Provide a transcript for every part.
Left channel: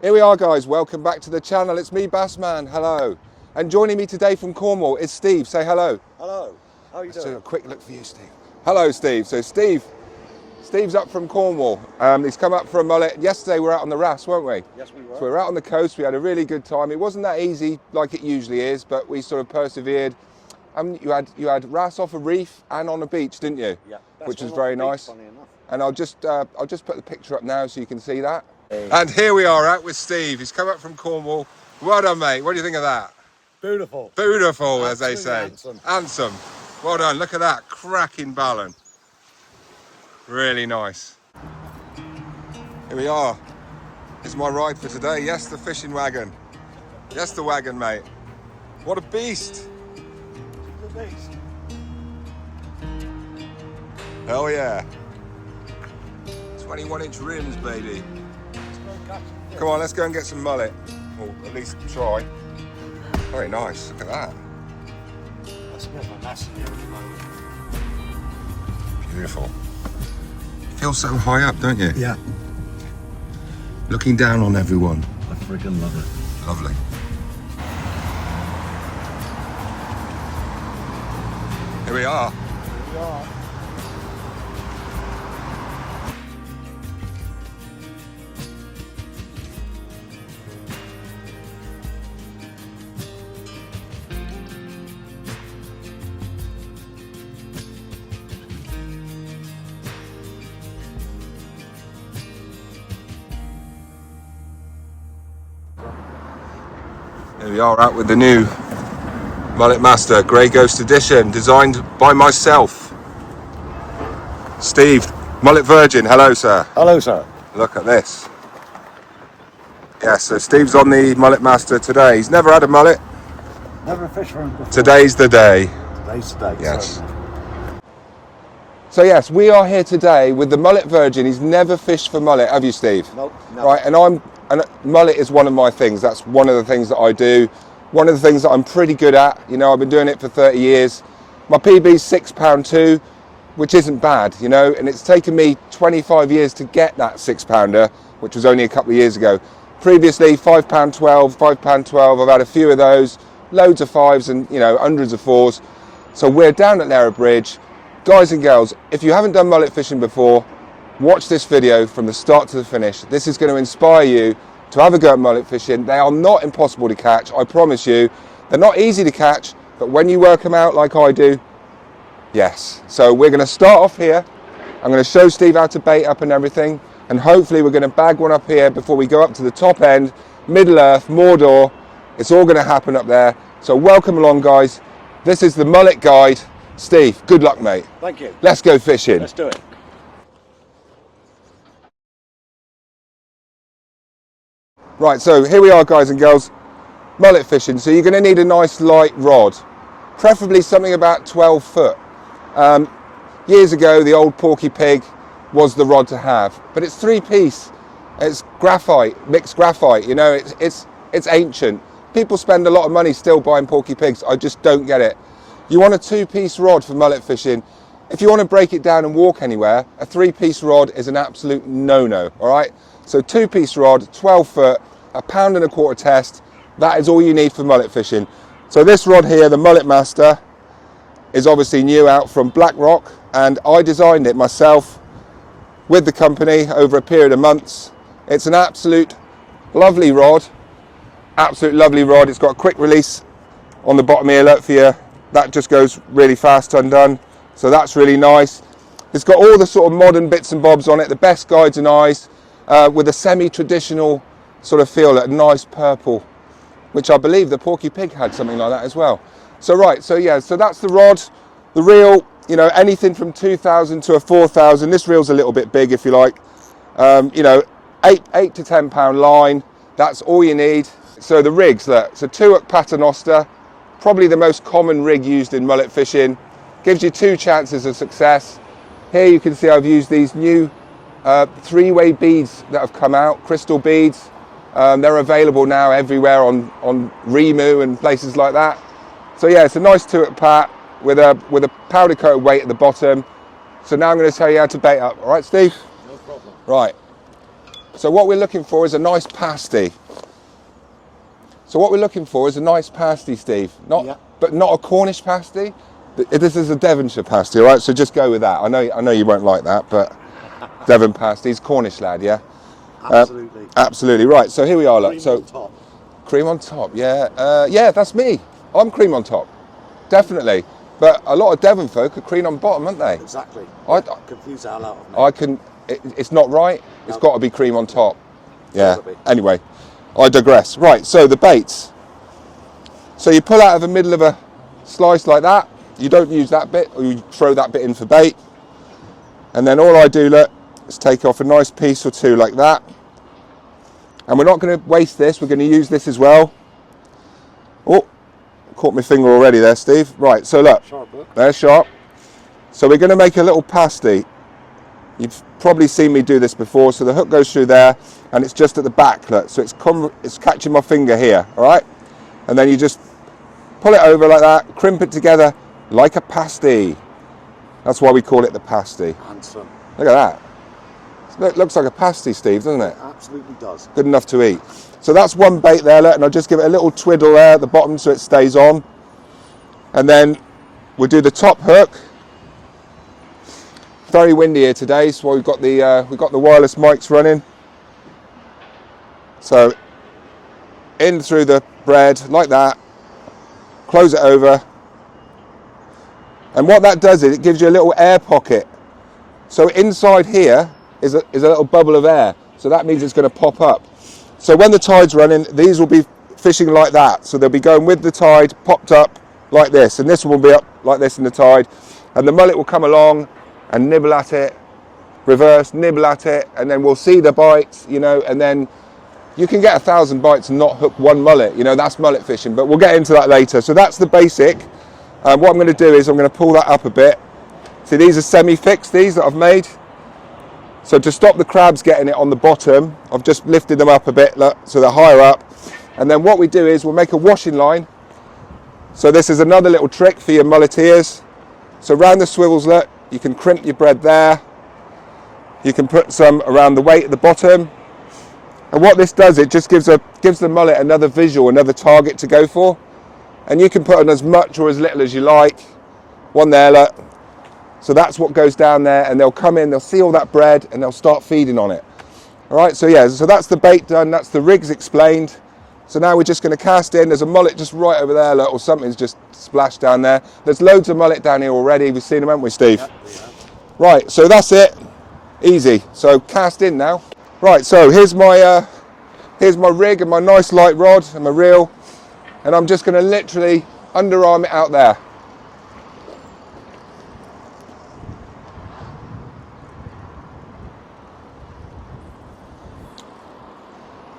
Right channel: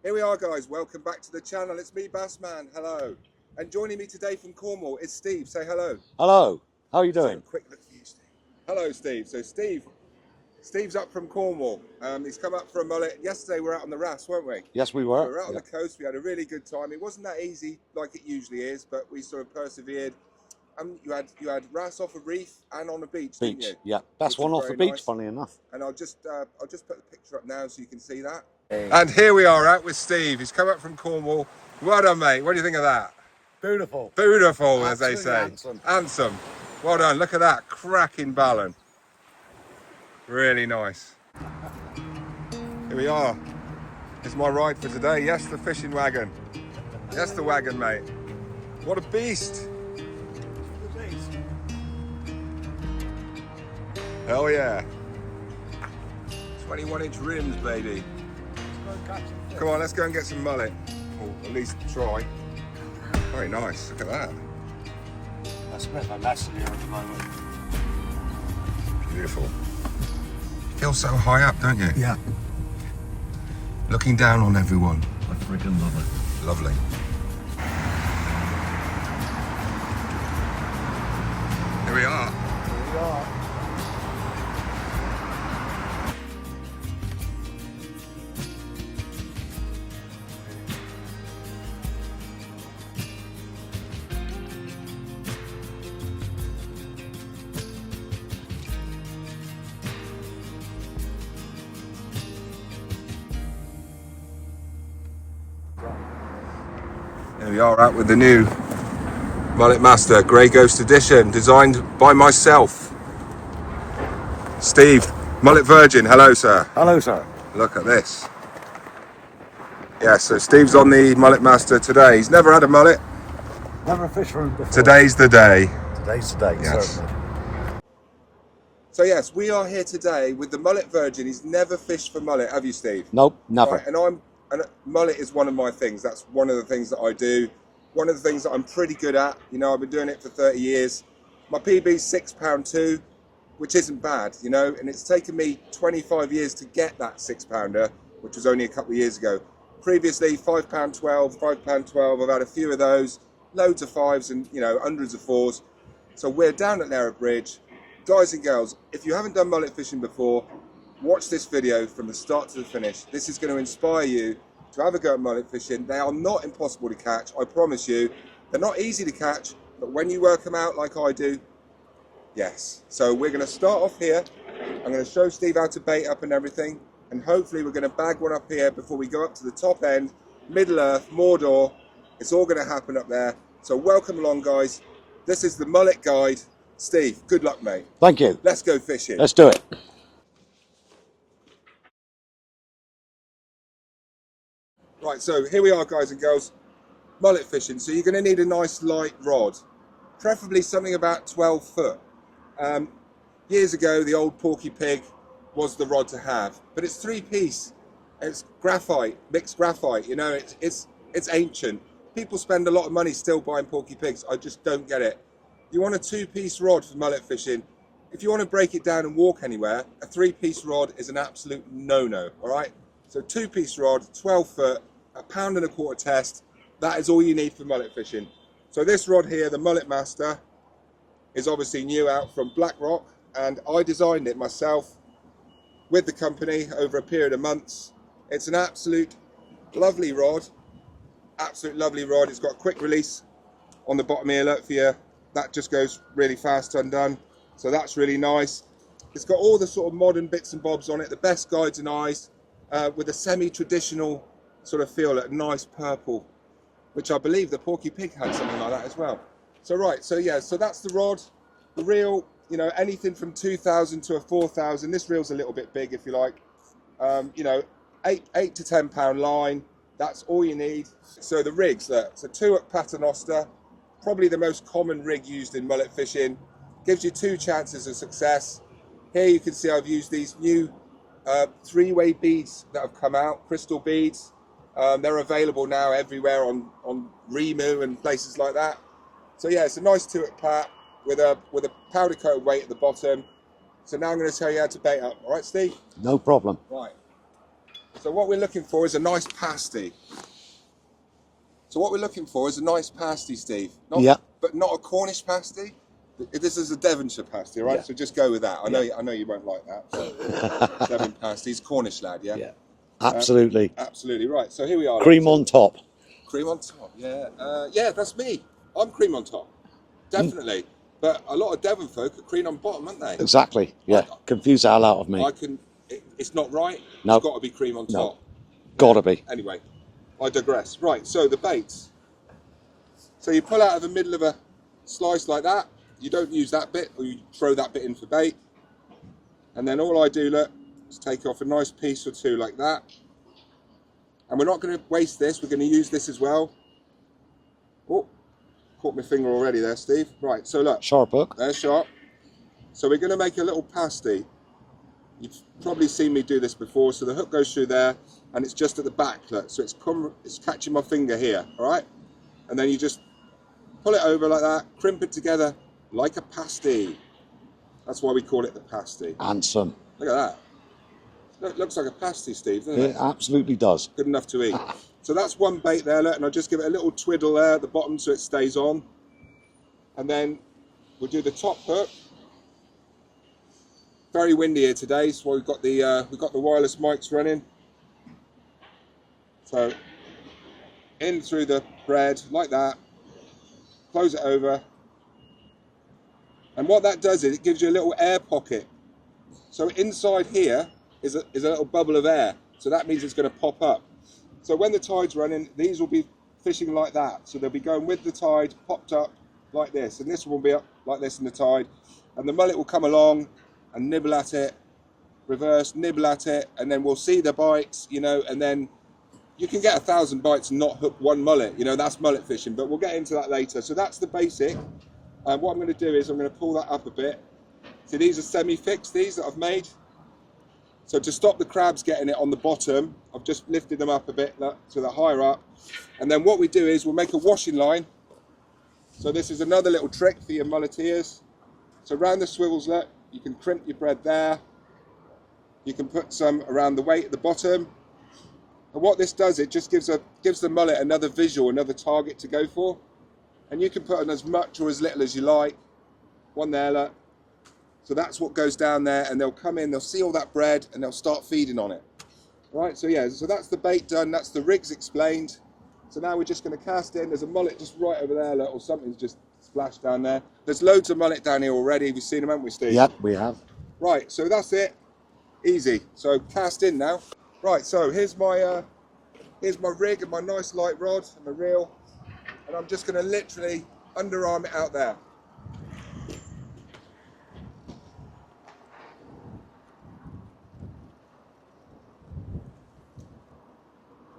Here we are, guys. Welcome back to the channel. It's me, Bassman. Hello. And joining me today from Cornwall is Steve. Say hello. Hello. How are you doing? So a quick look for you, Steve. Hello, Steve. So Steve's up from Cornwall. He's come up for a mullet. Yesterday we were out on the Ras, weren't we? Yes, we So were. we were out on the coast. We had a really good time. It wasn't that easy like it usually is, but we sort of persevered. You had Ras off a reef and on a beach, didn't you? Yeah, best which one was off very the beach, nice. funny enough. And I'll just put the picture up now so you can see that. And here we are out with Steve. He's come up from Cornwall. Well done, mate. What do you think of that? Beautiful. Beautiful, as they Absolutely say. handsome. Handsome. Well done. Look at that. Cracking ballon. Really nice. Here we are. It's my ride for today. Yes, the fishing wagon. Yes, the wagon, mate. What a beast. Hell yeah. 21-inch rims, baby. Come on, let's go and get some mullet. Or at least try. Very nice. Look at that. I spent my lesson here at the moment. Beautiful. You feel so high up, don't you? Yeah. Looking down on everyone. I freaking love it. Lovely. Here we are. Here we are. Here we are out with the new Mullet Master Grey Ghost Edition, designed by myself. Steve, Mullet Virgin, hello sir. Hello, sir. Look at this. Yeah, so Steve's on the Mullet Master today. He's never had a mullet. Never fished for him before. Today's the day. Today's the day, Yes. certainly. So yes, we are here today with the Mullet Virgin. He's never fished for mullet, have you, Steve? Nope, never. Right, and mullet is one of my things. That's one of the things that I do. One of the things that I'm pretty good at. You know, I've been doing it for 30 years. My PB's £6.2, which isn't bad, you know, and it's taken me 25 years to get that £6-pounder, which was only a couple of years ago. Previously, £5.12, £5.12. I've had a few of those, loads of fives and, you know, hundreds of fours. So we're down at Lara Bridge. Guys and girls, if you haven't done mullet fishing before, watch this video from the start to the finish. This is going to inspire you to have a go at mullet fishing. They are not impossible to catch, I promise you. They're not easy to catch, but when you work them out like I do, yes. So we're going to start off here. I'm going to show Steve how to bait up and everything, and hopefully we're going to bag one up here before we go up to the top end, Middle Earth, Mordor. It's all going to happen up there. So welcome along, guys. This is the Mullet Guide. Steve, good luck, mate. Thank you. Let's go fishing. Let's do it. Right, so here we are, guys and girls. Mullet fishing. So you're going to need a nice light rod, preferably something about 12 foot. Years ago, the old Porky Pig was the rod to have, but it's 3-piece. It's graphite, mixed graphite. You know, it's ancient. People spend a lot of money still buying Porky Pigs. I just don't get it. You want a 2-piece rod for mullet fishing. If you want to break it down and walk anywhere, a 3-piece rod is an absolute no-no, all right? So 2-piece rod, 12 foot, £1.25 pound test. That is all you need for mullet fishing. So this rod here, the Mullet Master, is obviously new out from BlackRock, and I designed it myself with the company over a period of months. It's an absolute lovely rod. Absolute lovely rod. It's got a quick release on the bottom here, look for you. That just goes really fast undone. So that's really nice. It's got all the sort of modern bits and bobs on it, the best guides and eyes, with a semi-traditional sort of feel, a nice purple, which I believe the Porky Pig had something like that as well. So right, so yeah, so that's the rod. The reel, you know, anything from 2,000 to a 4,000. This reel's a little bit big if you like. You know, 8 to 10 pound line. That's all you need. So the rigs, look, it's a 2-hook paternoster, probably the most common rig used in mullet fishing. Gives you 2 chances of success. Here you can see I've used these new 3-way beads that have come out, crystal beads. They're available now everywhere on Remu and places like that. So yeah, it's a nice 2-hook pat with a powder coat weight at the bottom. So now I'm going to tell you how to bait up. All right, Steve? No problem. Right. So what we're looking for is a nice pasty. So what we're looking for is a nice pasty, Steve. But not a Cornish pasty. This is a Devonshire pasty, all right? So just go with that. I know you won't like that, but Devon pasties, Cornish lad, yeah? Absolutely. Absolutely, right. So here we are. Cream on top. Cream on top, yeah. Yeah, that's me. I'm cream on top, definitely. But a lot of Devon folk are cream on bottom, aren't they? Exactly. Yeah. Confuse the hell out of me. It's not right. No. It's got to be cream on top. No. Gotta be. Anyway, I digress. Right, so the baits. So you pull out of the middle of a slice like that. You don't use that bit, or you throw that bit in for bait. And then all I do, look, is take off a nice piece or two like that. And we're not going to waste this. We're going to use this as well. Oh, caught my finger already there, Steve. Right, so look. Sharp hook. They're sharp. So we're going to make a little pasty. You've probably seen me do this before. So the hook goes through there, and it's just at the back. Look, so it's catching my finger here, all right? And then you just pull it over like that, crimp it together like a pasty. That's why we call it the pasty. Handsome. Look at that. It looks like a pasty, Steve, doesn't it? It absolutely does. Good enough to eat. So that's one bait there, look, and I'll just give it a little twiddle there at the bottom so it stays on. And then we'll do the top hook. Very windy here today, so we've got the wireless mics running. So in through the bread like that, close it over, and what that does is it gives you a little air pocket. So inside here is a little bubble of air, so that means it's going to pop up. So when the tide's running, these will be fishing like that, so they'll be going with the tide, popped up like this, and this will be up like this in the tide, and the mullet will come along and nibble at it, reverse, nibble at it, and then we'll see the bites, you know, and then you can get 1,000 bites and not hook one mullet, you know, that's mullet fishing, but we'll get into that later. So that's the basic. What I'm going to do is I'm going to pull that up a bit. See, these are semi-fixed, these that I've made. So to stop the crabs getting it on the bottom, I've just lifted them up a bit, look, so they're higher up. And then what we do is we'll make a washing line. So this is another little trick for your mulleteers. So around the swivels, look, you can crimp your bread there. You can put some around the weight at the bottom. And what this does, it just gives the mullet another visual, another target to go for. And you can put on as much or as little as you like. One there, look. So that's what goes down there, and they'll come in, they'll see all that bread, and they'll start feeding on it. All right, so yeah, so that's the bait done, that's the rigs explained. So now we're just going to cast in. There's a mullet just right over there, look, or something's just splashed down there. There's loads of mullet down here already. We've seen them, haven't we, Steve? Yep, we have. Right, so that's it. Easy. So cast in now. Right, so here's my rig and my nice light rod and my reel, and I'm just going to literally underarm it out there.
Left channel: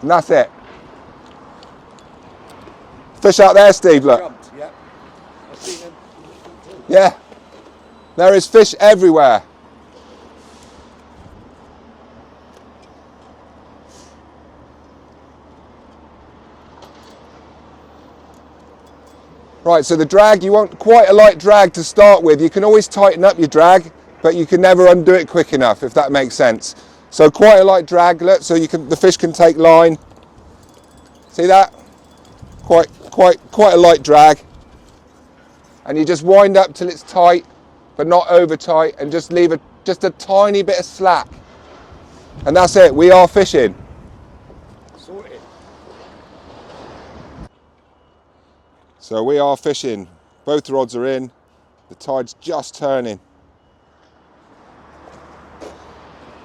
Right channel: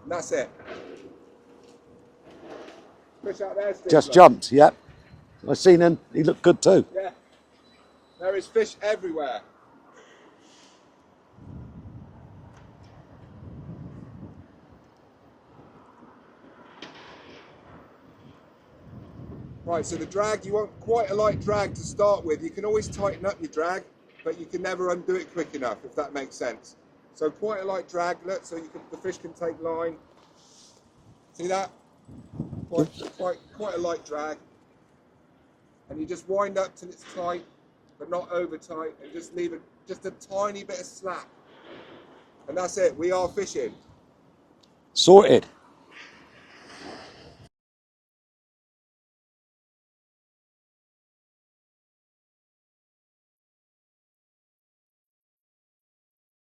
And that's it. Fish out there, Steve. Just look. jumped, yep. I've seen him, he looked good too. Yeah. There is fish everywhere. Right, so the drag, you want quite a light drag to start with. You can always tighten up your drag, but you can never undo it quick enough, if that makes sense. So quite a light drag, so the fish can take line. See that? Quite a light drag. And you just wind up till it's tight, but not over tight, and just leave just a tiny bit of slack. And that's it, we are fishing. Sorted. So we are fishing. Both rods are in. The tide's just turning.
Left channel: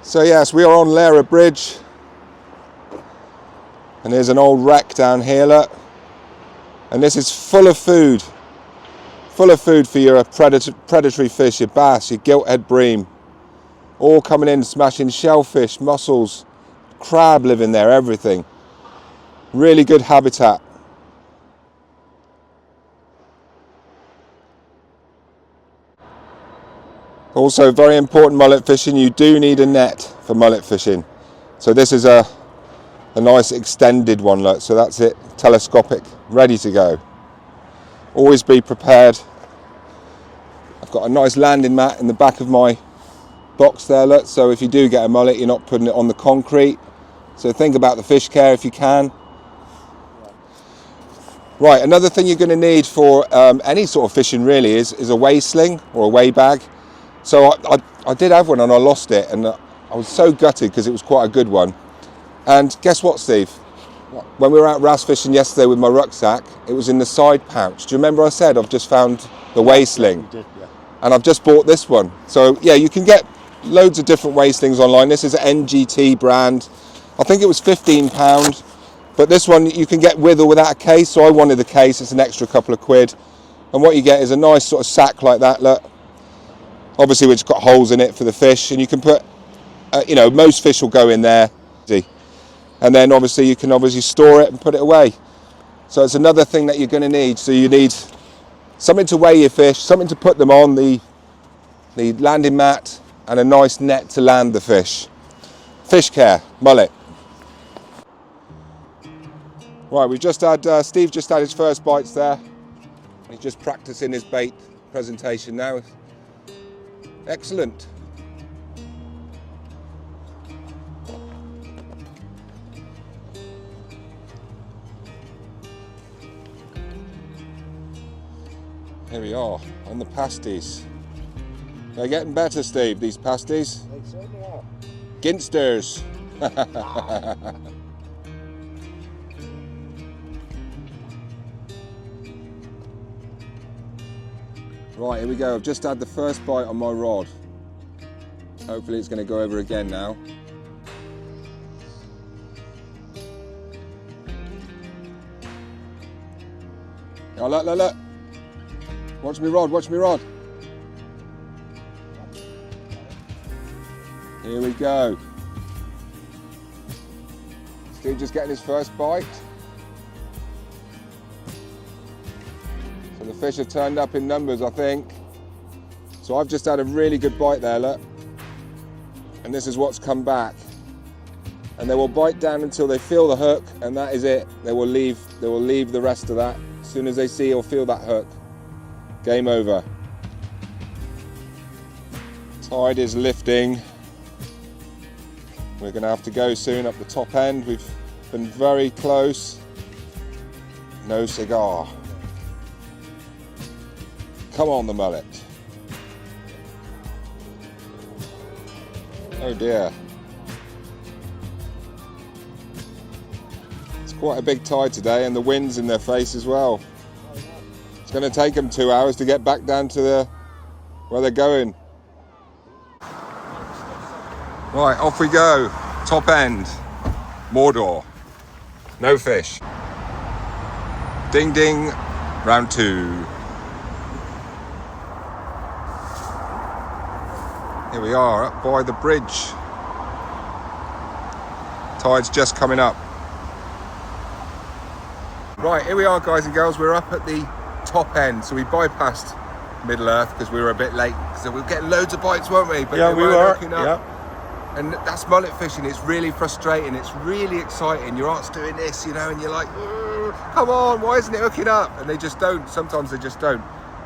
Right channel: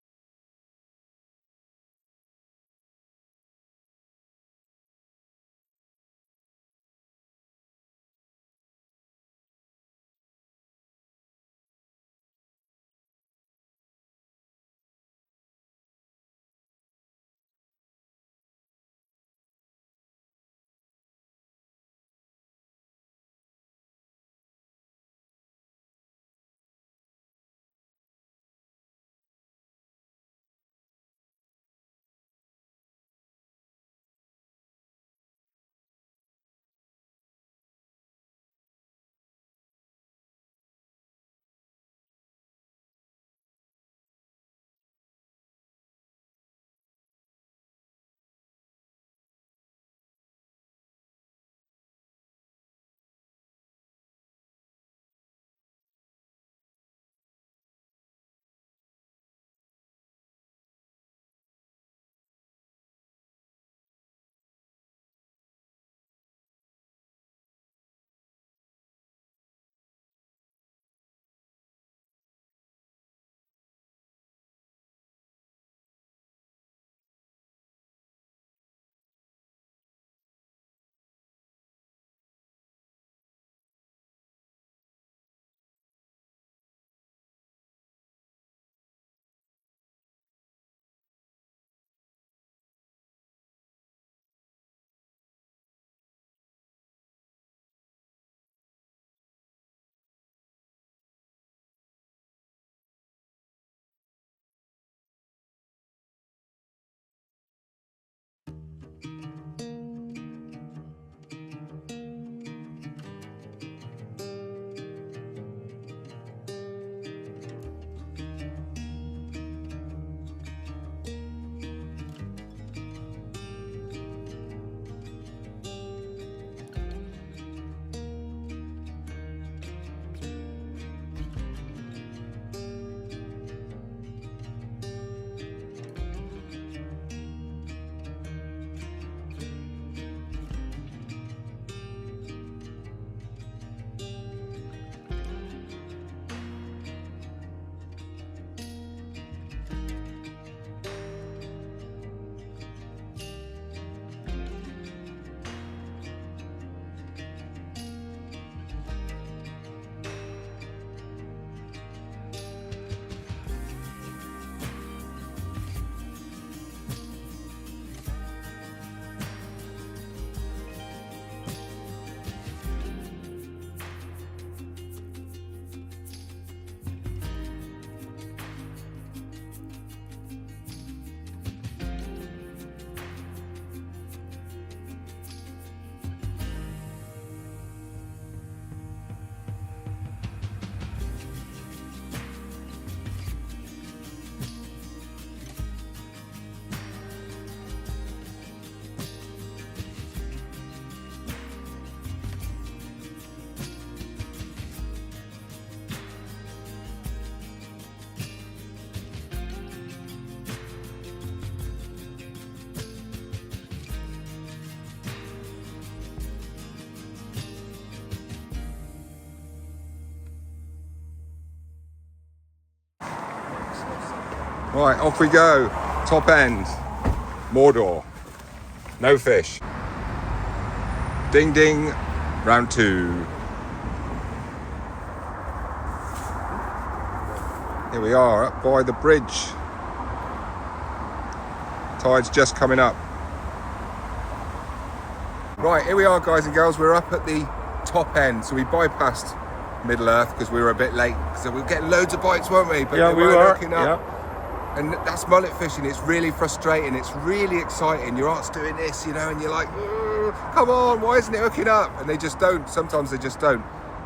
So yes, we are on Lara Bridge. And there's an old wreck down here, look. And this is full of food. Full of food for your predatory fish, your bass, your gilthead bream. All coming in, smashing shellfish, mussels, crab living there, everything. Really good habitat. Also, very important mullet fishing, you do need a net for mullet fishing. So this is a nice extended one, look, so that's it, telescopic, ready to go. Always be prepared. I've got a nice landing mat in the back of my box there, look, so if you do get a mullet, you're not putting it on the concrete. So think about the fish care if you can. Right, another thing you're going to need for any sort of fishing really is a weigh sling or a weigh bag. So I did have one and I lost it, and I was so gutted because it was quite a good one. And guess what, Steve? When we were out wrasse fishing yesterday with my rucksack, it was in the side pouch. Do you remember I said I've just found the weigh sling? You did, yeah. And I've just bought this one. So yeah, you can get loads of different weigh slings online. This is an NGT brand. I think it was £15. But this one you can get with or without a case, so I wanted the case. It's an extra couple of quid. And what you get is a nice sort of sack like that, look. Obviously which got holes in it for the fish, and you can put, you know, most fish will go in there. And then obviously you can store it and put it away. So it's another thing that you're going to need. So you need something to weigh your fish, something to put them on, the landing mat, and a nice net to land the fish. Fish care, mullet. Right, we've just had, Steve just had his first bites there. He's just practicing his bait presentation now. Excellent. Here we are, on the pasties. They're getting better, Steve, these pasties. They certainly are. Ginsters. Right, here we go. I've just had the first bite on my rod. Hopefully it's going to go over again now. Oh, look, look, look. Watch me rod, watch me rod. Here we go. Steve just getting his first bite. So the fish have turned up in numbers, I think. So I've just had a really good bite there, look. And this is what's come back. And they will bite down until they feel the hook, and that is it. They will leave the rest of that. As soon as they see or feel that hook, game over. Tide is lifting. We're going to have to go soon up the top end. We've been very close. No cigar. Come on, the mullet. Oh dear. It's quite a big tide today, and the wind's in their face as well. It's going to take them 2 hours to get back down to where they're going. Right, off we go. Top end. Mordor. No fish. Ding ding. Round 2. Here we are up by the bridge. Tide's just coming up. Right, here we are, guys and girls. We're up at the top end. So we bypassed Middle Earth because we were a bit late. So we were getting loads of bites, weren't we? But Yeah, we were. hooking up. Yeah. And that's mullet fishing. It's really frustrating. It's really exciting. Your aunt's doing this, you know, and you're like, come on, why isn't it hooking up? And they just don't. Sometimes they just don't.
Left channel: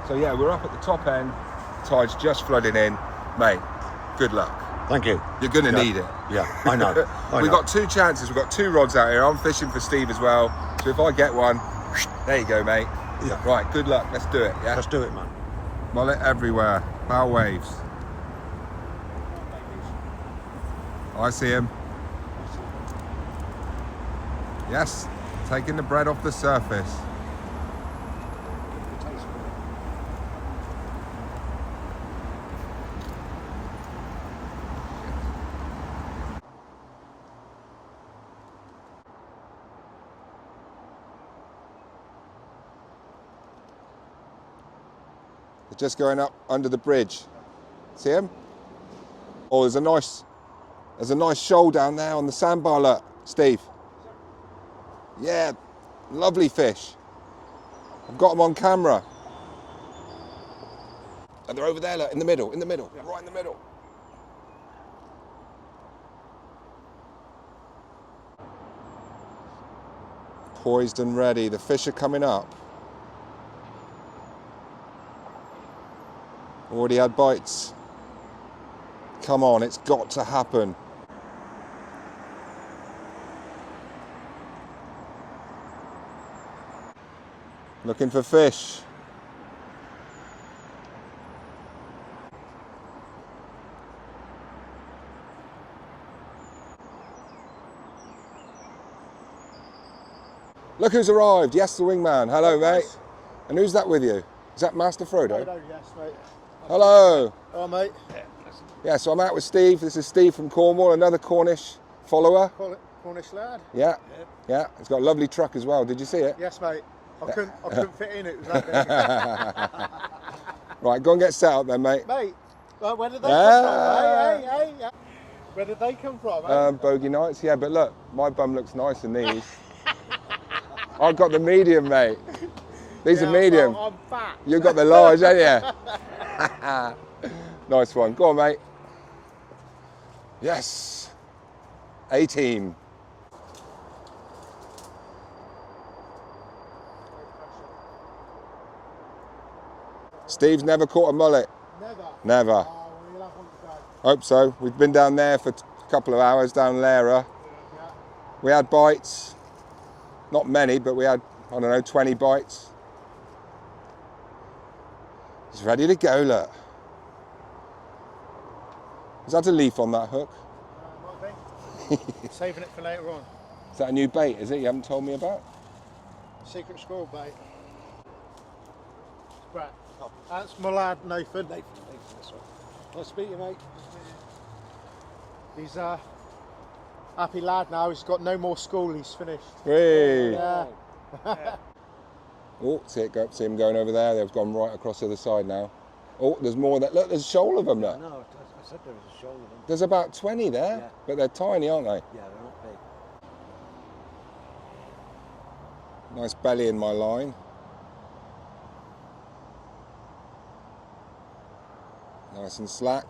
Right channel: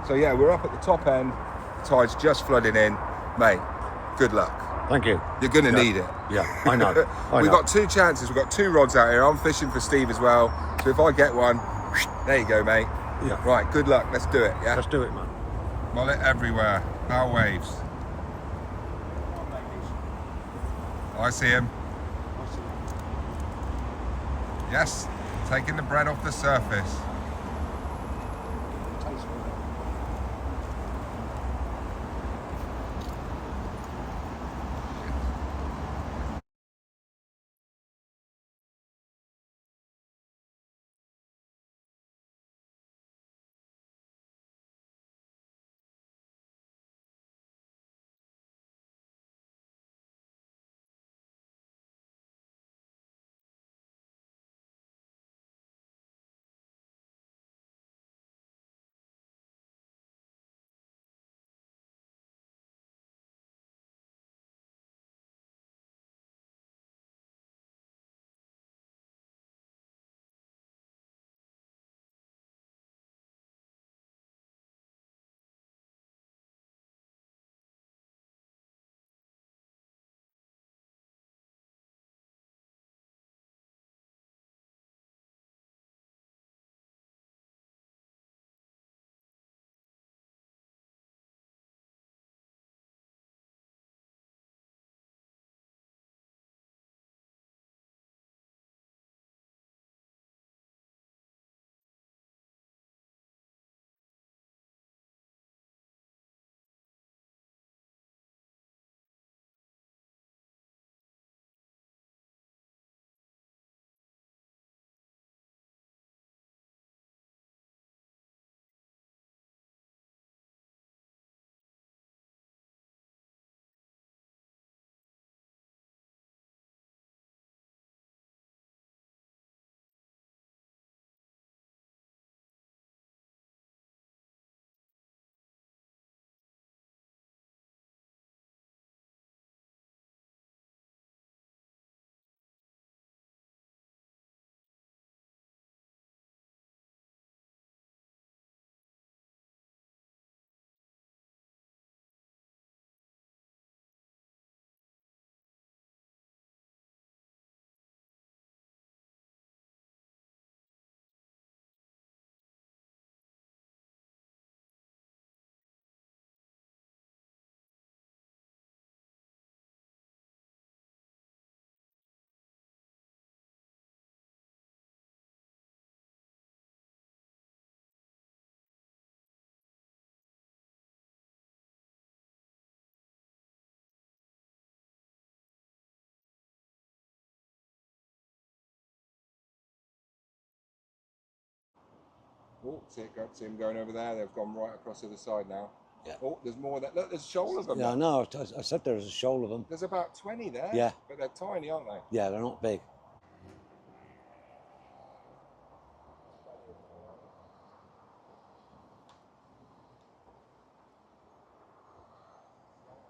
So yeah, we're up at the top end. The tide's just flooding in. Mate, good luck. Thank you. You're going to need it. Yeah, I know. We've got 2 chances. We've got 2 rods out here. I'm fishing for Steve as well. So if I get one, there you go, mate. Yeah. Right, good luck. Let's do it, yeah? Let's do it, man. Mullet everywhere. Bow waves. I see him. Yes, taking the bread off the surface. They're just going up under the bridge. See him? Oh, there's a nice shoal down there on the sandbar, look, Steve. Yeah, lovely fish. I've got them on camera. And they're over there, look, in the middle, right in the middle. Poised and ready. The fish are coming up. Already had bites. Come on, it's got to happen. Looking for fish. Look who's arrived. Yes, the wingman. Hello, mate. And who's that with you? Is that Master Frodo? Frodo, yes, mate. Hello. Oh, mate. Yeah, so I'm out with Steve. This is Steve from Cornwall, another Cornish follower. Cornish lad. Yeah, yeah. He's got a lovely truck as well. Did you see it? Yes, mate. I couldn't fit in. It was that big. Right, go and get set up then, mate. Mate, where did they come from? Hey. Where did they come from, mate? Bogey nights, yeah, but look, my bum looks nice in these. I've got the medium, mate. These are medium. I'm fat. You've got the large, haven't you? Nice one. Go on, mate. Yes. 18. Steve's never caught a mullet. Never. Never. Oh, well, you'll have one today. Hope so. We've been down there for a couple of hours, down Lara. Yeah. We had bites. Not many, but we had, I don't know, 20 bites. He's ready to go, look. Is that a leaf on that hook? Might be. Saving it for later on. Is that a new bait, is it? You haven't told me about? Secret squirrel bait. Brett. That's my lad, Nathan. Nathan, that's right. Nice to meet you, mate. He's a happy lad now. He's got no more school. He's finished. Hey. Yeah. Oh, see him going over there. They've gone right across the other side now. Oh, there's more there. Look, there's a shoal of them. Yeah, there. no, I said there was a shoal of them. There's about 20 there. Yeah. But they're tiny, aren't they? Yeah, they're not big. Nice belly in my line. Nice and slack.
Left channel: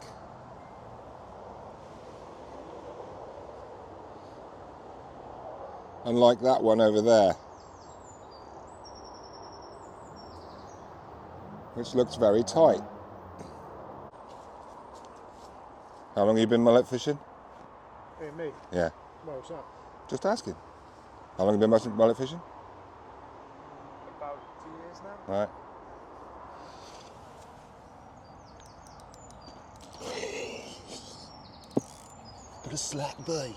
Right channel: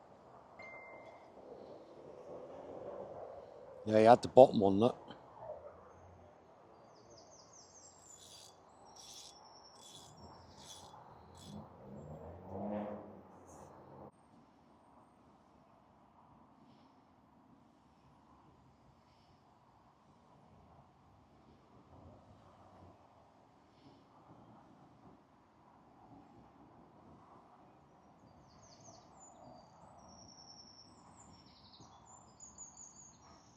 Yeah, he had the bottom one, look. Unlike that one over there, which looks very tight. How long have you been mullet fishing? Hey, me. Yeah. Well, what's that? Just asking. How long have you been mullet fishing? About 2 years now. Right. But a slack boy.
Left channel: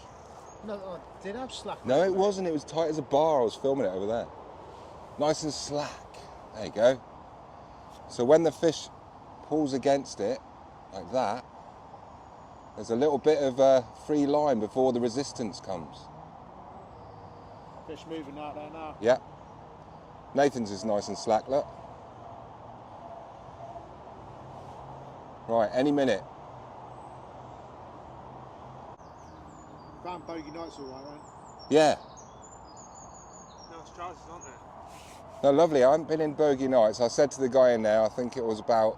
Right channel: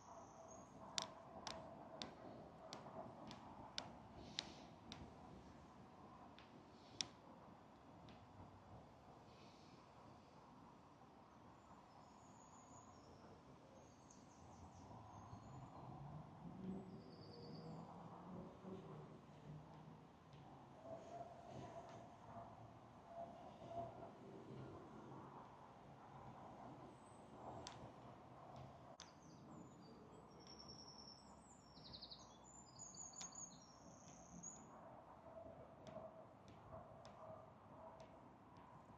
No, I did have slack. No, it wasn't. It was tight as a bar. I was filming it over there. Nice and slack. There you go. So when the fish pulls against it, like that, there's a little bit of free line before the resistance comes. Fish moving out there now. Yeah. Nathan's is nice and slack, look. Right, any minute. Round bogey nights all right, then. Yeah. Nice trousers, aren't there? No, lovely. I haven't been in bogey nights. I said to the guy in there, I think it was about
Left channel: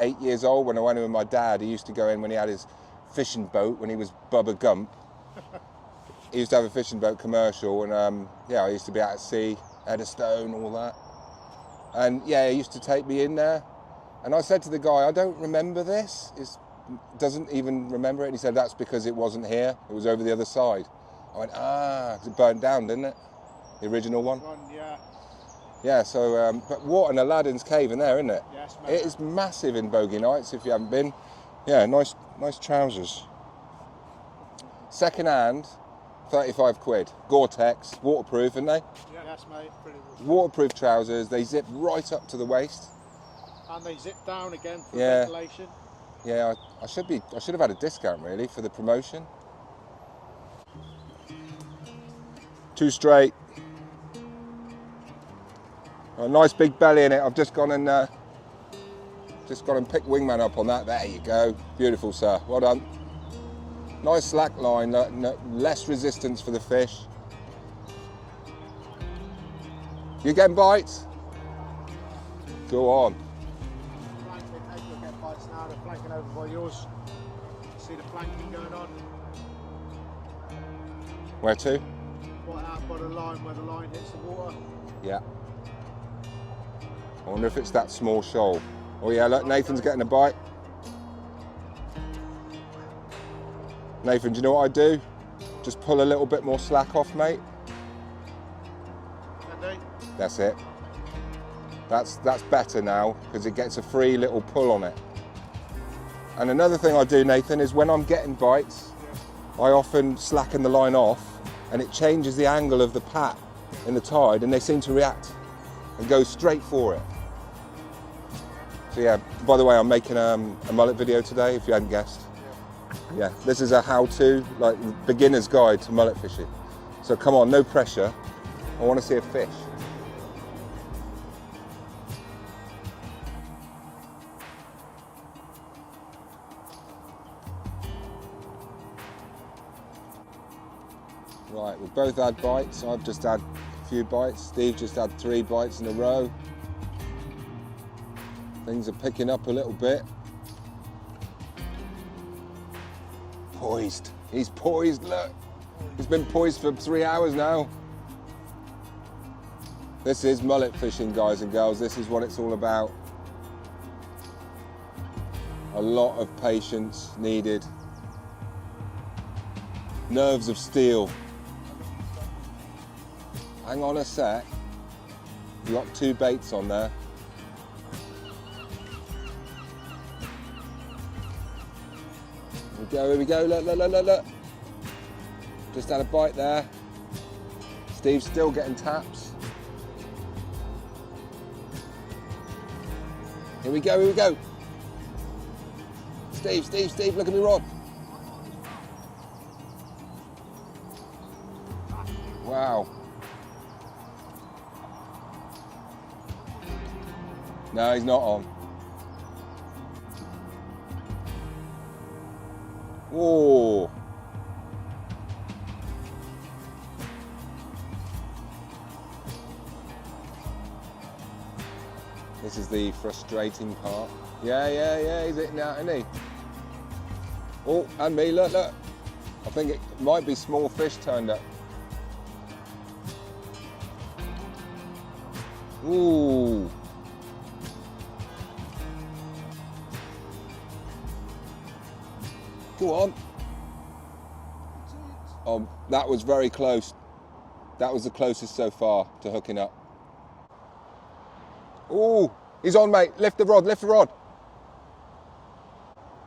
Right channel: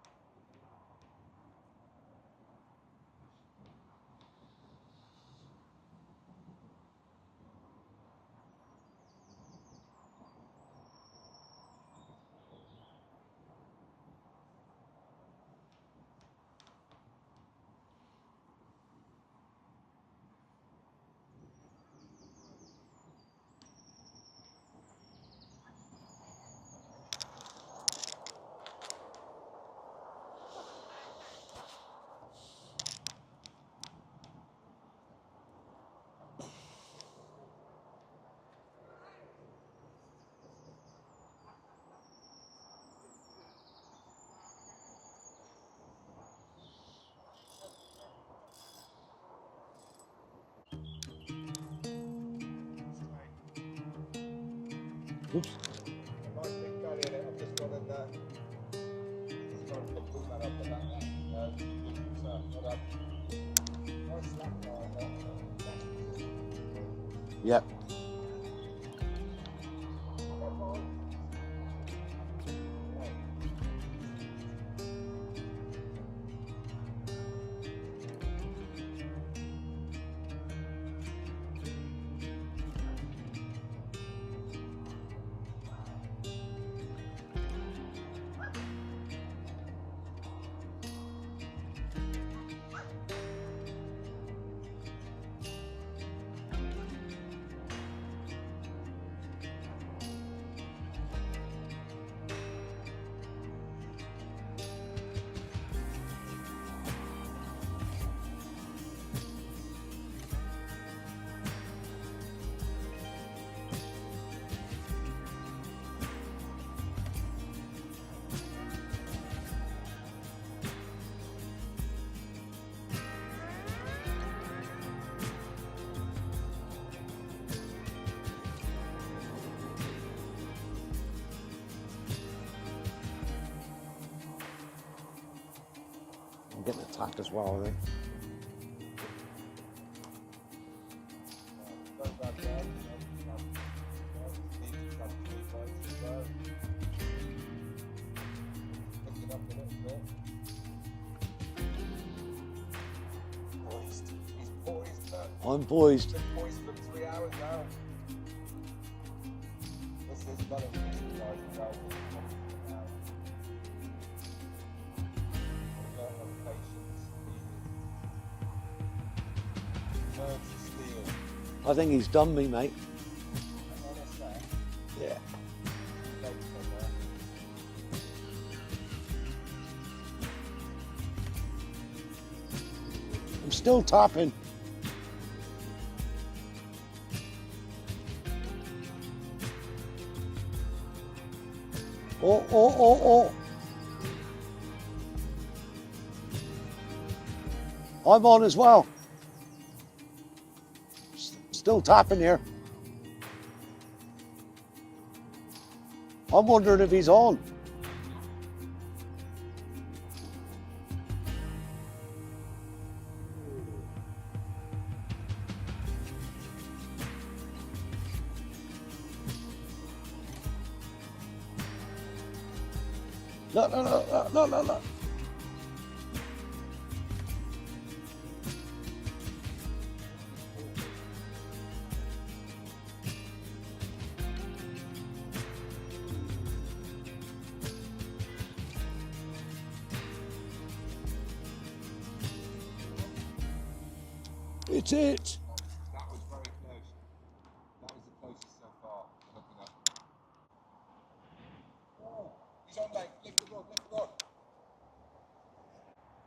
8 years old when I went in with my dad. He used to go in when he had his fishing boat, when he was Bubba Gump. He used to have a fishing boat commercial, and yeah, I used to be out at sea, Eddystone, all that. And yeah, he used to take me in there. And I said to the guy, I don't remember this. He doesn't even remember it. And he said, that's because it wasn't here. It was over the other side. I went, 'cause it burnt down, didn't it? The original one. Yeah. Yeah, so, but what an Aladdin's cave in there, isn't it? Yes, It is massive in bogey nights if you haven't been. Yeah, nice trousers. Second hand, 35 quid. Gore-Tex, waterproof, aren't they? Yeah, yes, mate. Pretty good. Waterproof trousers, they zip right up to the waist. And they zip down again for Yeah. ventilation. Yeah, I should have had a discount really for the promotion. Too straight. Oops. A nice big belly in it. I've just gone and picked wingman up on that. There you go. Beautiful, sir. Well done. Nice slack line. Less resistance for the fish. Yep. You getting bites? Go on. Get bites now. They're flanking over by yours. See the flanking going on. Where to? Right out by the line where the line hits the water. Yeah. I wonder if it's that small shoal. Oh yeah, look, Nathan's getting a bite. Nathan, do you know what I do? Just pull a little bit more slack off, mate. Can they? That's it. That's better now because it gets a free little pull on it. And another thing I do, Nathan, is when I'm getting bites, I often slacken the line off and it changes the angle of the pat in the tide and they seem to react and go straight for it. So yeah, by the way, I'm making a mullet video today, if you hadn't guessed. Yeah, this is a how-to, like beginner's guide to mullet fishing. So come on, no pressure. I want to see a fish. I'm getting attacked as well, I think. Right, we've both had bites. I've just had a few bites. Steve just had 3 bites in a row. Things are picking up a little bit. Poised. He's poised, look. I'm poised. He's been poised for 3 hours now. This is mullet fishing, guys and girls. This is what it's all about. A lot of patience needed. Nerves of steel. I think he's done me, mate. Hang on a sec. Yeah. You've got 2 baits on there. Here we go, look, Still look. tapping. Just had a bite there. Steve's still getting taps. Oh. Here we go. Steve, look at me rod. I'm on as well. Still tapping here. Wow. I'm wondering if he's on. No, he's not on. Whoa. This is the frustrating. No. Yeah, he's hitting out, isn't he? Oh, and me, look. I think it might be small fish turned up. Ooh. Go on. It's it. Oh, that was very close. That was the closest so far to hooking up. Ooh, he's on, mate. Lift the rod.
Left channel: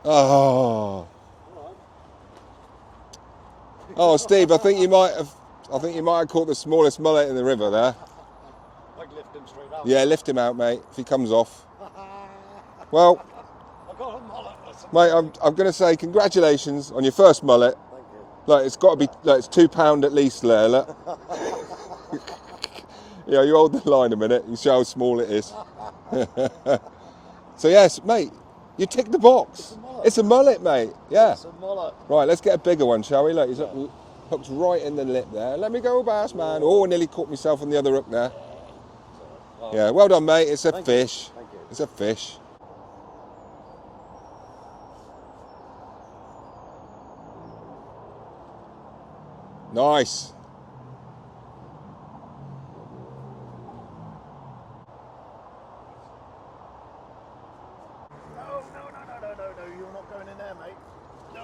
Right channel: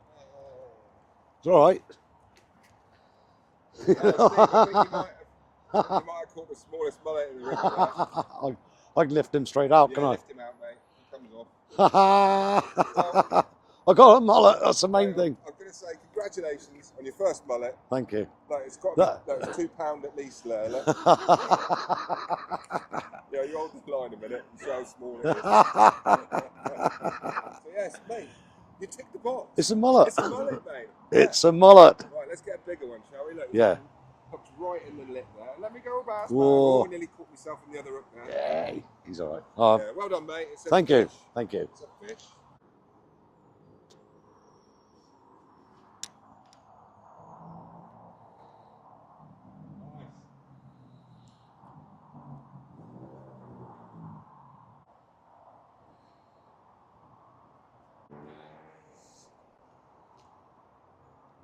Oh. It's all right. Oh, Steve, I think you might have caught the smallest mullet in the river there. I can lift him straight out. Yeah, lift him out, mate, if he comes off. Well, I got a mullet. That's amazing. mate, I'm going to say congratulations on your first mullet. Thank you. Like, it's got to be, like, it's £2 at least there, look. Yeah, you hold the line a minute and show how small it is. So, yes, mate, you tick the box. It's a mullet. It's a mullet, mate. Yeah. It's a mullet. Right, let's get a bigger one, shall we? Look, he's Yeah. hooked right in the lip there. Let me go, bass man. Whoa. Oh, I nearly caught myself on the other hook there. Yeah, he's all right. Yeah, well done, mate. It's a Thank fish. you. Thank you. It's a fish. Nice. No, you're not going in there, mate. No,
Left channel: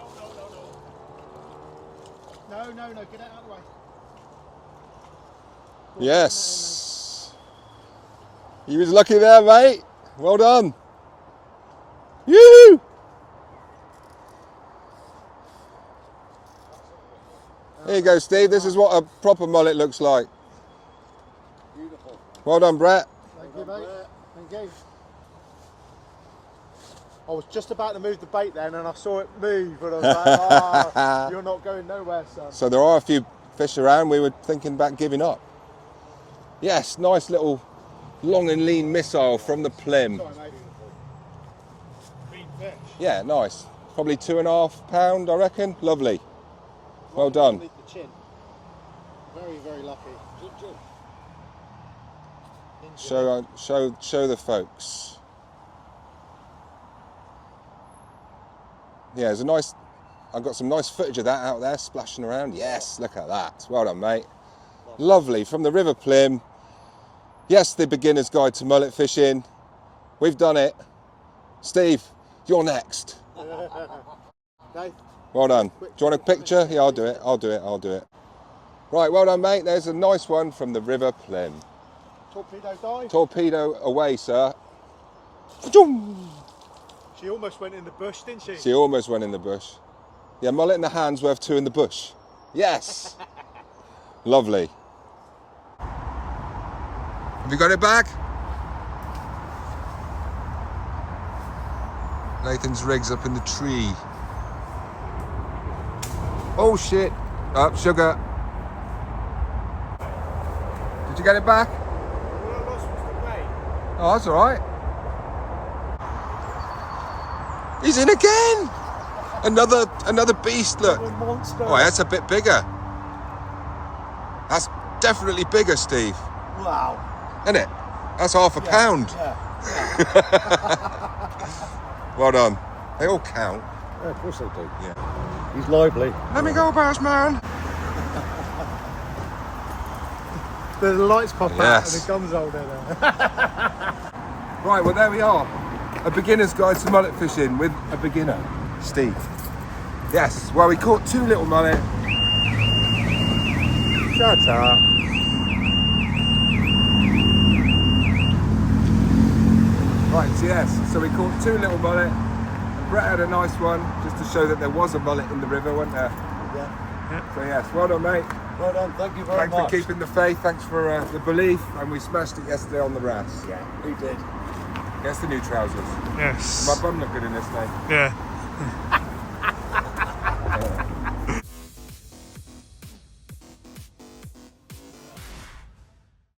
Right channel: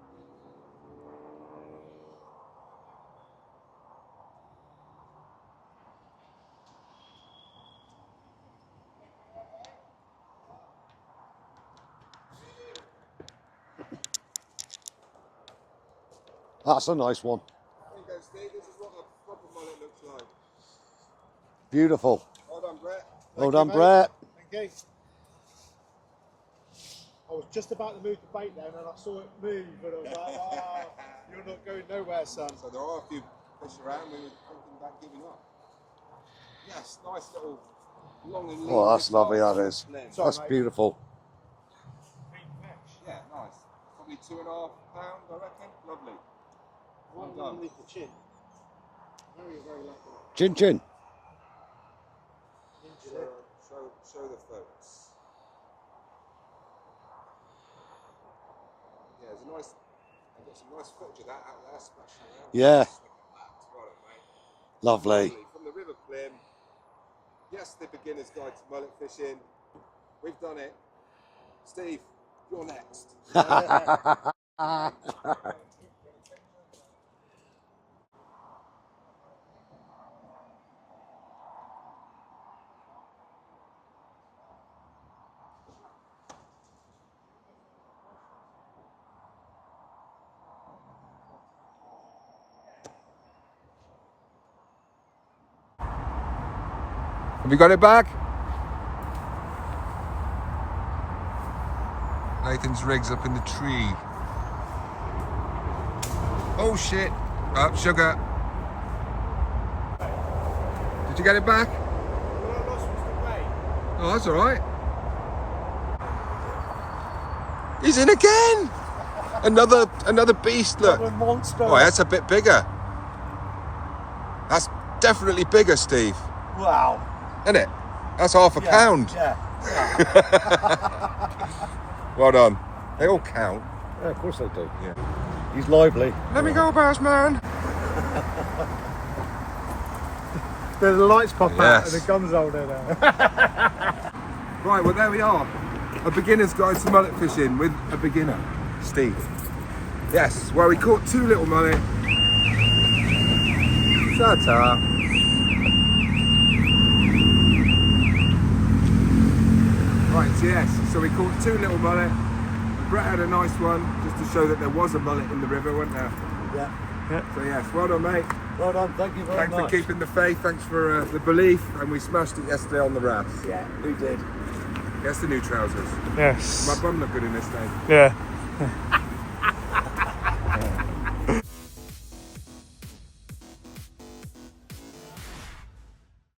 get out of the way. Yes. He was lucky there, mate. Well done. Yoo! That's a nice one. Here you go, Steve. This is what a proper mullet looks like. Beautiful. Well done, Brett. Well done, Brett. Thank you. I was just about to move the bait then and I saw it move and I was like, oh, you're not going nowhere, son. So there are a few fish around. We were thinking about giving up. Yes, nice little long and lean Oh, that's missile lovely, from that the is. plim. Sorry, That's mate. beautiful. Big fish. Yeah, nice. Probably £2.5, I reckon. Lovely. Well Right done. underneath the chin. Very, very lucky. Chin chin. Show the folks. Yeah, there's a nice. I've got some nice footage of that out there splashing around. Yeah. Yes, look at that. Well done, mate. Lovely. Lovely from the River Plim. Yes, the beginner's guide to mullet fishing. We've done it. Steve, you're next. Well done. Do you want a picture? Yeah, I'll do it. Right, well done, mate. There's a nice one from the River Plim. Torpedo dive. Torpedo away, sir. She almost went in the bush, didn't she? She almost went in the bush. Yeah, mullet in the hand's worth 2 in the bush. Yes. Lovely. Have you got it back? Nathan's rig's up in the tree. Oh shit. Up, sugar. Did you get it back? All I lost was the weight. Oh, that's all right. He's in again. Another beast. Look. A monster. Oh, that's a bit bigger. That's definitely bigger, Steve. Wow. Isn't it? That's half a pound. Yeah. Well done. They all count. Yeah, of course they do. Yeah. He's lively. Let me go, Bassman. The lights pop Yes. up and the gun's rolled in there. Right, well there we are. A beginner's guide to mullet fishing with a beginner, Steve. Yes, well we caught 2 little mullet. Shut up. Right, so yes, so we caught 2 little mullet. And Brett had a nice one, just to show that there was a mullet in the river, wasn't there? Yeah. So yes, well done, mate. Well done. Thank you very Thanks much. for keeping the faith, thanks for the belief, and we smashed it yesterday on the RAS. Yeah, we did. Guess the new trousers. Yes. My bum look good in this, mate. Yeah.